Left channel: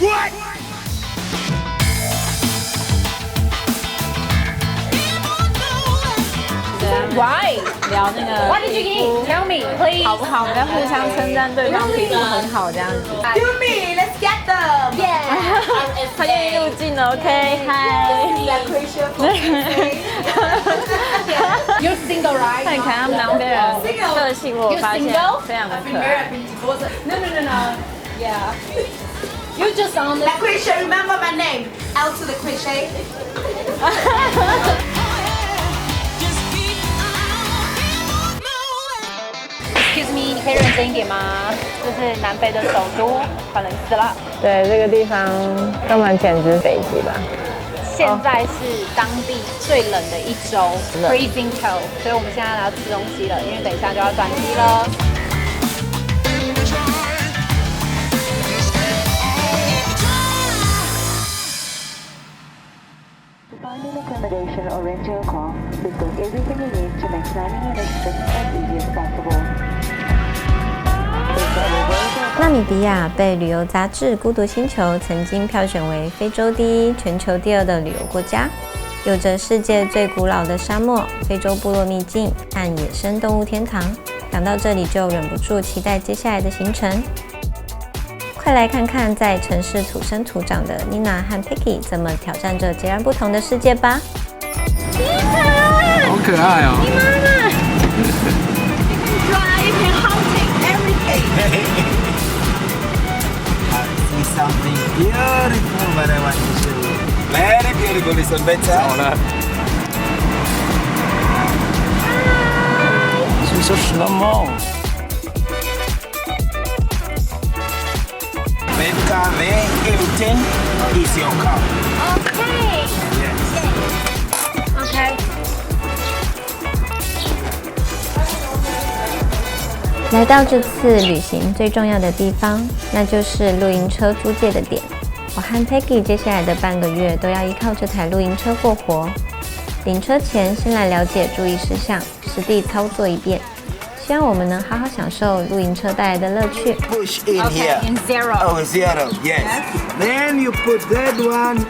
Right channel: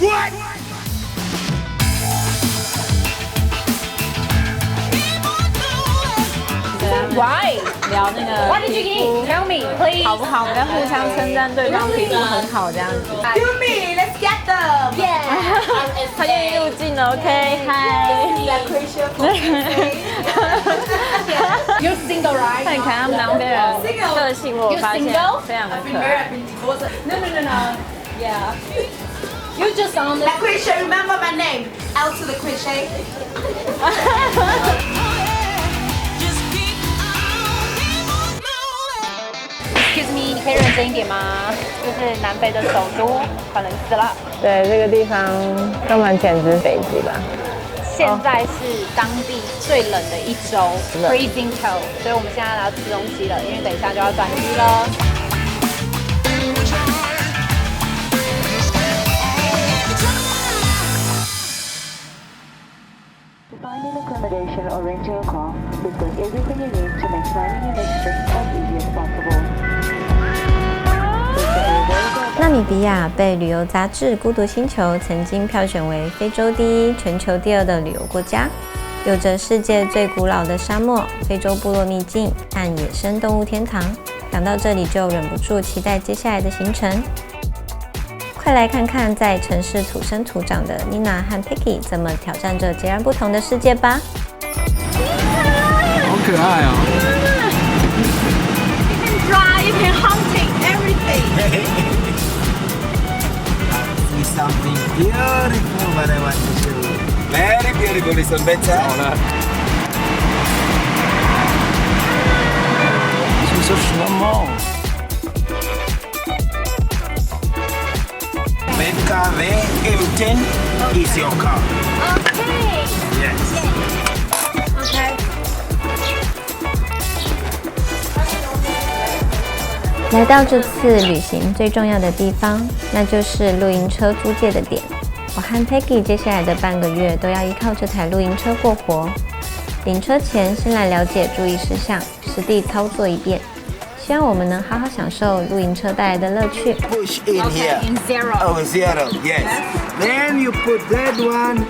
What? Finding accommodation or renting a car, we've got everything you need to make planning your next trip as easy as possible. 纳米比亚被旅游杂志《孤独星球》曾经票选为非洲第一、全球第二的旅游国家，有着世界最古老的沙漠、非洲部落秘境和野生动物天堂。讲到这里就忍不住期待接下来的行程。快来看看在城市土生土长的 Nina 和 Peggy 怎么挑战着截然不同的世界吧！好可爱哦！ You can hunting everything. I see something beautiful, but I want to show you. Very beautiful, listen better. 好了，是说什么？ BKW M10 is your car. Okay. Yes. Okay. 来到这次旅行最重要的地方，那就是露营车租借的点。我和 Peggy 接下来的半个月都要依靠这台露营车过活。领车前先来了解注意事项，实地操作一遍，希望我们能好好享受露营车带来的乐趣。 Push in Okay. here. In zero. Oh, zero. Yes. Then you put that one.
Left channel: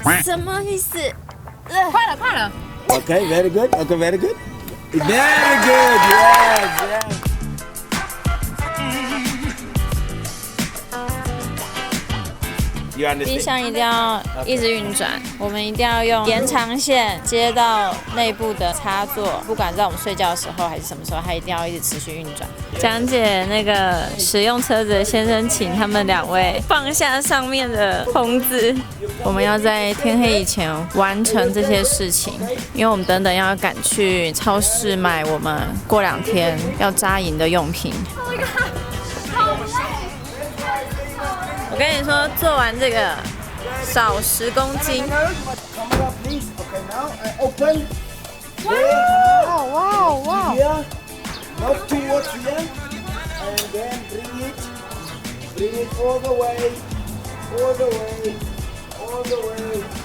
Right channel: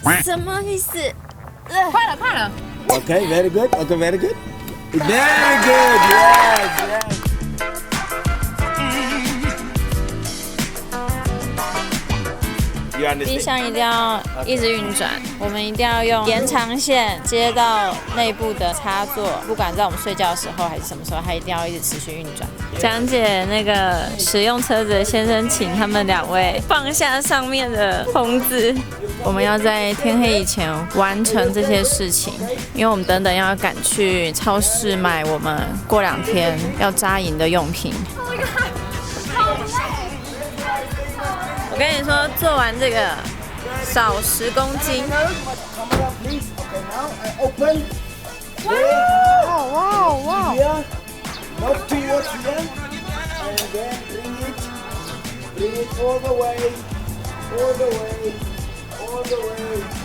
Quack.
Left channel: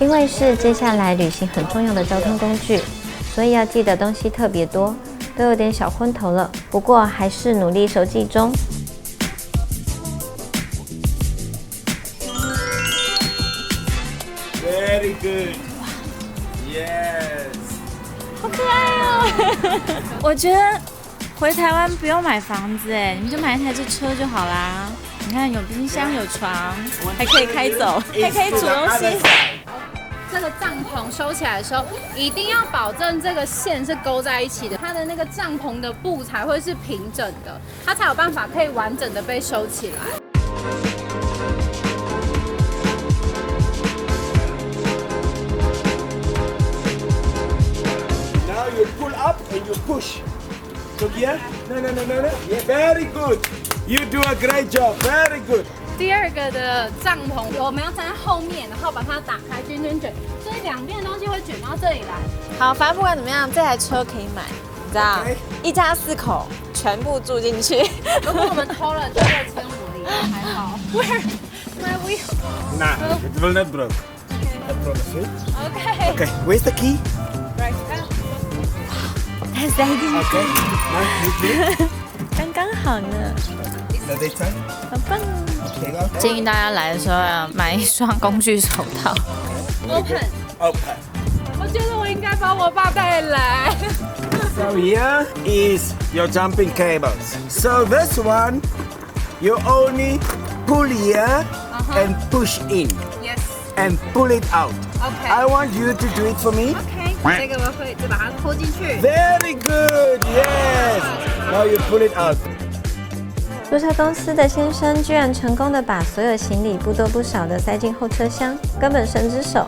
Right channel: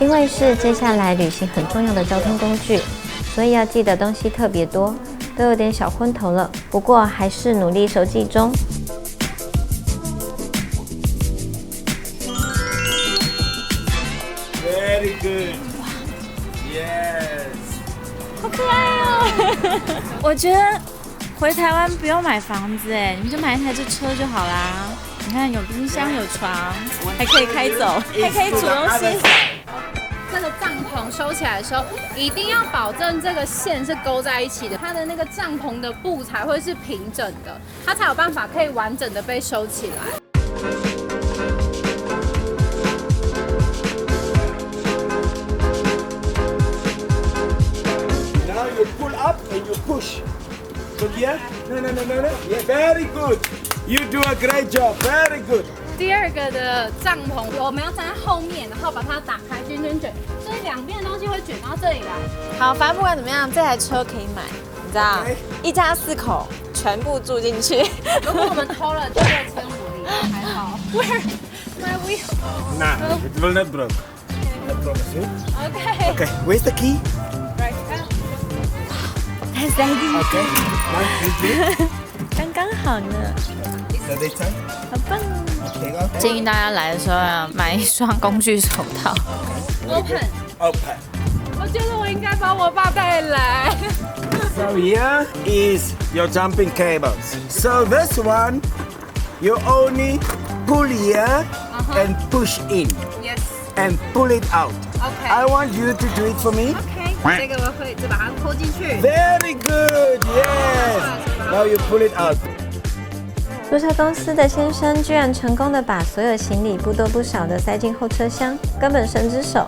因为是接下来旅行很重要的交通工具，所以要记的东西特别多，都有点小昏头了。不过还是努力熟记中。租车公司的先生居然成功的把所有行李不多不少的塞进后车厢，根本神之手。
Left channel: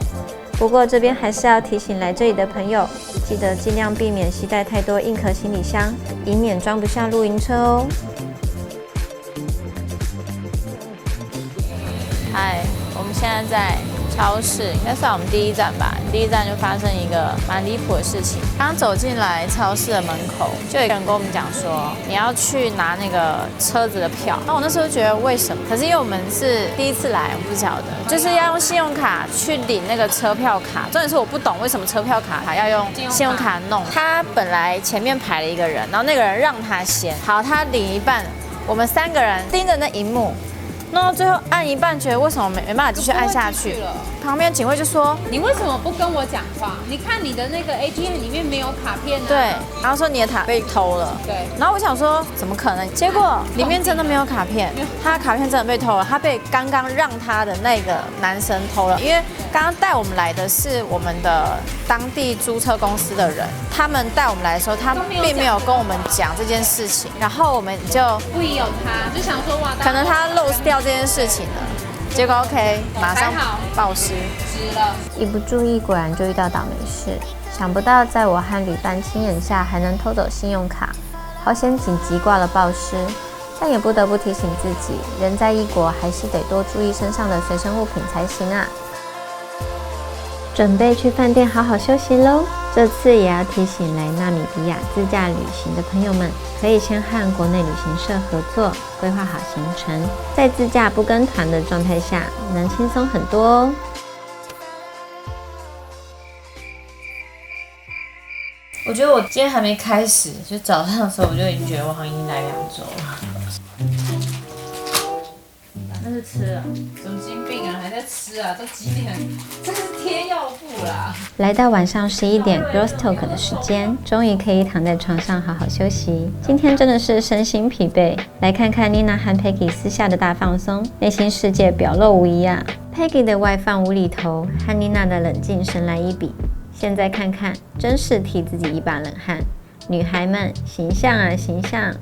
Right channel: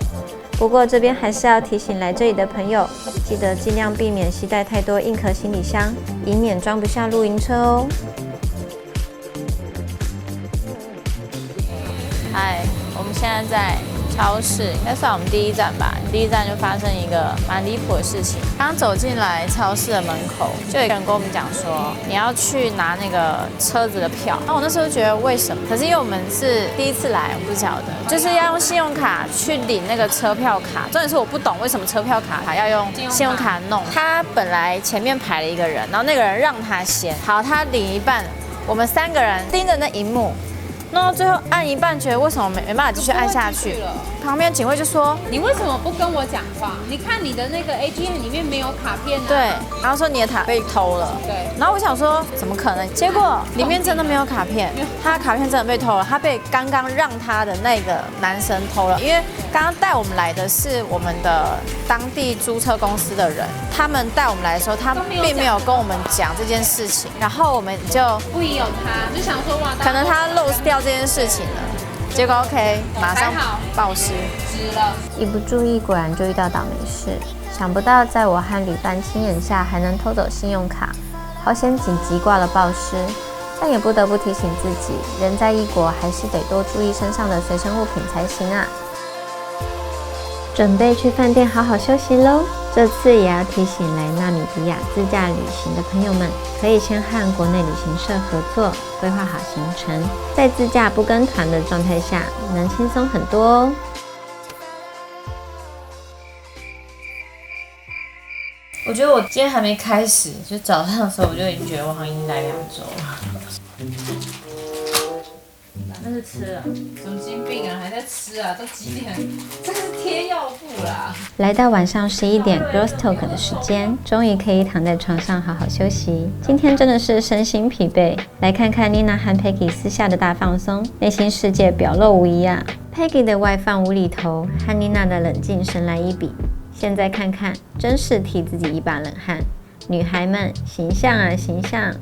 不过这边还是要提醒来这里的朋友，记得尽量避免携带太多硬壳行李箱，以免装不下露营车哦。一不注意，果然就遇到倒霉事。想不到在我和旅伴亲眼下，还能偷走信用卡，好险紧急挂了报失。但也不得不提醒自己，人在异国还是得多注意身上的随身物品才行啊。准备去饭店好好休息咯。这次也要提醒来纳米比亚自驾旅行的朋友们，可以先和国内旅行社合作，规划好行程，在自驾不跟团的状态下，能轻松很多哦。来到晚上11点 Girls Talk 的时间，终于可以躺在床上好好休息。今天真的是身心疲惫。来看看 Nina 和 Peggy 私下的大放松，内心世界表露无遗啊。Peggy 的外放无厘头和 Nina 的冷静神来一笔。现在看看，真是替自己一把冷汗。女孩们，形象啊形象！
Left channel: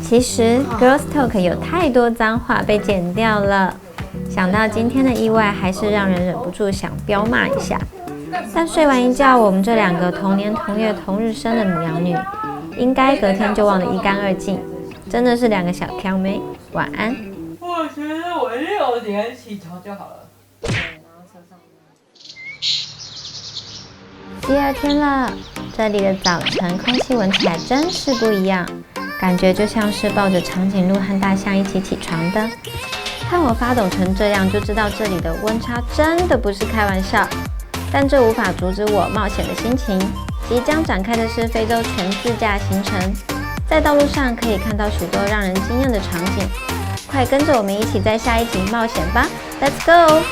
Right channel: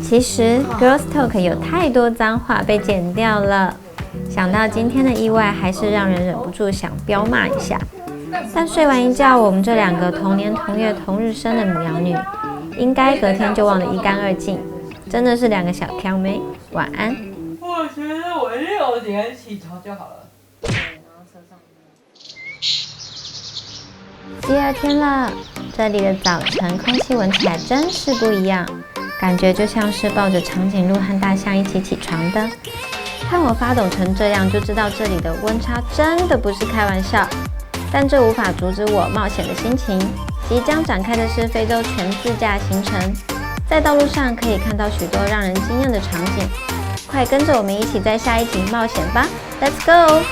其实 Girls Talk 有太多脏话被剪掉了，想到今天的意外，还是让人忍不住想彪骂一下。但睡完一觉，我们这2个同年同月同日生的母羊女，应该隔天就忘得一干二净，真的是2个小挑妹。晚安。第2天了，这里的早晨空气闻起来真是不一样，感觉就像是抱着长颈鹿和大象一起起床的。看我发抖成这样，就知道这里的温差真的不是开玩笑。但这无法阻止我冒险的心情。即将展开的是非洲全自驾行程，在道路上可以看到许多让人惊艳的场景。快跟着我们一起在下一集冒险吧 ！Let's go！